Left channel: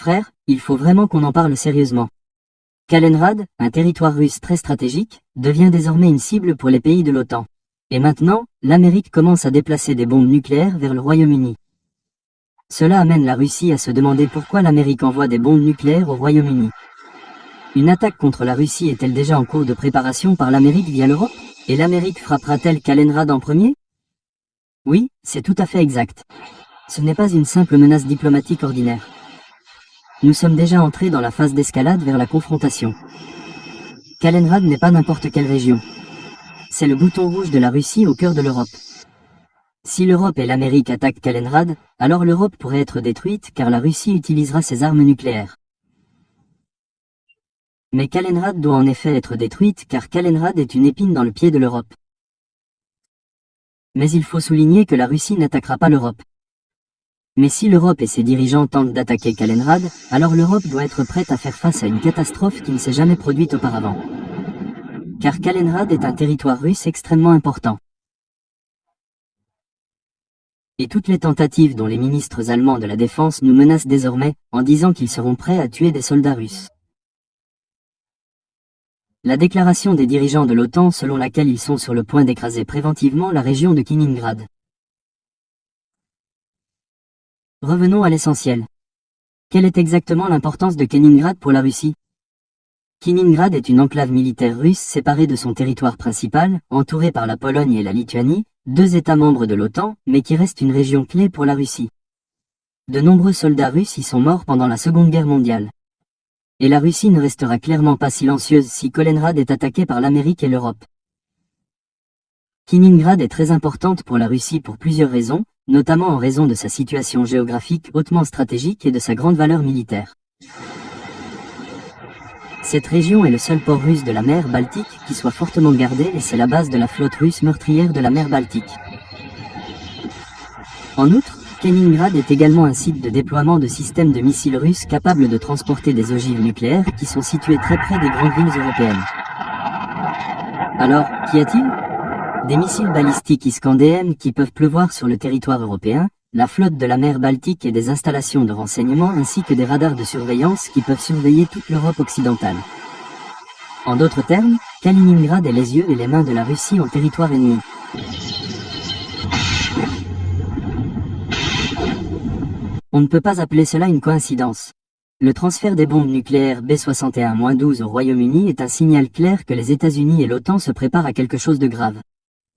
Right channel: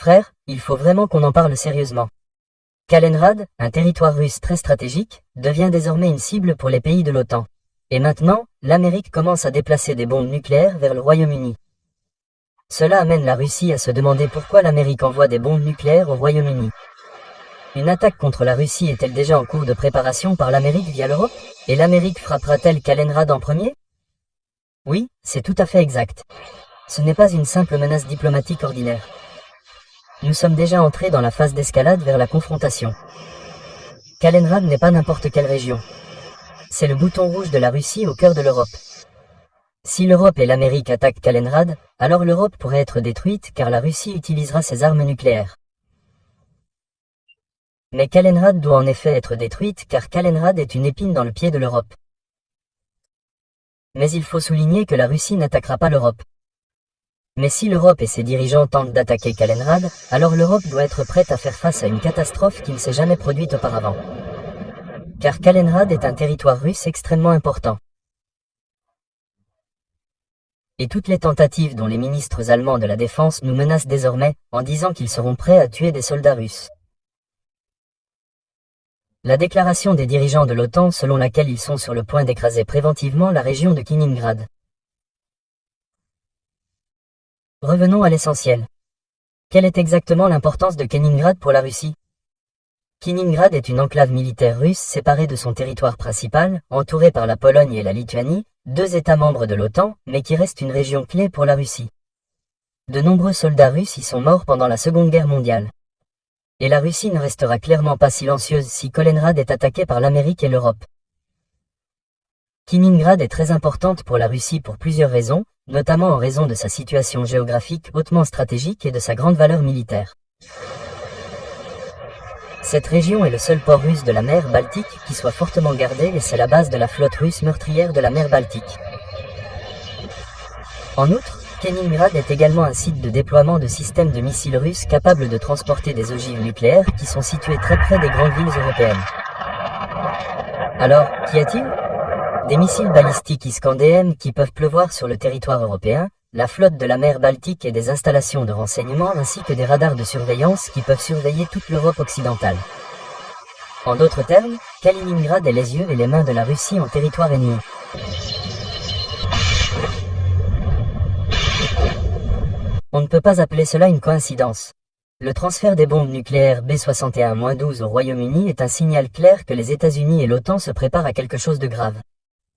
Frère, il faut vraiment qu'on en parle sérieusement. Kaliningrad, un territoire russe très stratégique, devient désormais une cible pour les pays de l'OTAN. Et maintenant, l'Amérique commence à déplacer des bombes nucléaires vers le Royaume-Uni. Cela amène la Russie à se demander pourquoi l'Amérique envoie des bombes nucléaires au Royaume-Uni. Une attaque contre la Russie est-elle déjà en cours de préparation par l'Amérique via l'Europe? Et l'Amérique frappera-t-elle Kaliningrad en premier? Oui, c'est tout à fait exact. Ce n'est pas une simple menace diplomatique ordinaire. Nous sommes déjà entrés dans la phase d'escalade vers la confrontation. Kaliningrad n'est pas n'importe quelle région. C'est le bouton rouge de la Russie au cœur de l'Europe. Si l'Europe et l'Amérique attaquent Kaliningrad, alors l'Europe pourrait être détruite car la Russie utilisera ses armes nucléaires. Mais Kaliningrad doit en effet être détruite car Kaliningrad est une épine dans le pied de l'Europe. Mais il faut souligner que la Russie n'attaquera pas l'Europe. Mais si l'Europe et ses dirigeants tentent d'attaquer Kaliningrad, alors l'Europe doit être prête à faire face à une catastrophe qui ne s'est jamais produite auparavant. Car Kaliningrad est un territoire russe extrêmement important. Et toutes les tentatives dont les ministres allemands de la Défense nous menacent désormais, en disant qu'ils seront prêts à tuer des soldats russes. La déclaration des dirigeants de l'OTAN selon laquelle ils sont sur le point d'écraser préventivement la région de Kaliningrad. Revenons à l'essentiel. Quelle est exactement l'importance de Kaliningrad pour la Russie? Kaliningrad est une enclave militaire russe séparée de son territoire principal, entourée par la Pologne et la Lituanie, deux États membres de l'OTAN, mais qui reste une région clé pour la Russie. De nombreux soldats russes y sont morts pendant la Seconde Guerre mondiale. Et la Russie ne restera clairement pas silencieuse si Kaliningrad est attaqué par l'Amérique et l'Europe. Kaliningrad est très importante pour la Russie pour plusieurs raisons, notamment en raison de sa situation géographique hautement stratégique et de sa grande valeur militaire. Cette région est le seul port russe de la mer Baltique qui soit fortement gardé et c'est la base de la flotte russe meurtrière de la mer Baltique. En outre, Kaliningrad est également un site de déploiement de systèmes de missiles russes capables de transporter des ogives nucléaires qui sont situés très près des grandes villes européennes. Alors, qu'y a-t-il? Des missiles balistiques Iskander-M qui peuvent pleuvoir sur le territoire européen, la flotte de la mer Baltique et des installations de renseignement ainsi que des radars de surveillance qui peuvent surveiller toute l'Europe occidentale. En d'autres termes, Kaliningrad est les yeux et les mains de la Russie en territoire ennemi. On ne peut pas appeler cela une coïncidence. Le transfert des bombes nucléaires B-61-12 au Royaume-Uni est un signal clair que les États-Unis et l'OTAN se préparent à quelque chose de grave.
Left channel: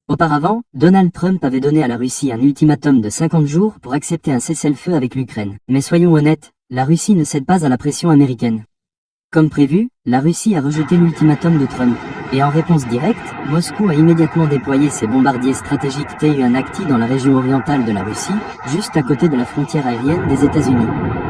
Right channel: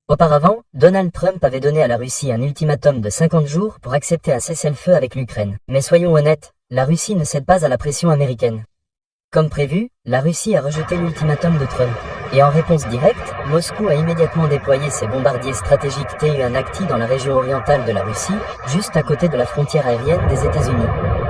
Auparavant, Donald Trump avait donné à la Russie un ultimatum de 50 jours pour accepter un cessez-le-feu avec l'Ukraine. Mais soyons honnêtes, la Russie ne cède pas à la pression américaine. Comme prévu, la Russie a rejeté l'ultimatum de Trump. Et en réponse directe, Moscou a immédiatement déployé ses bombardiers stratégiques Tu-1 dans la région orientale de la Russie, juste à côté de la frontière aérienne des États-Unis.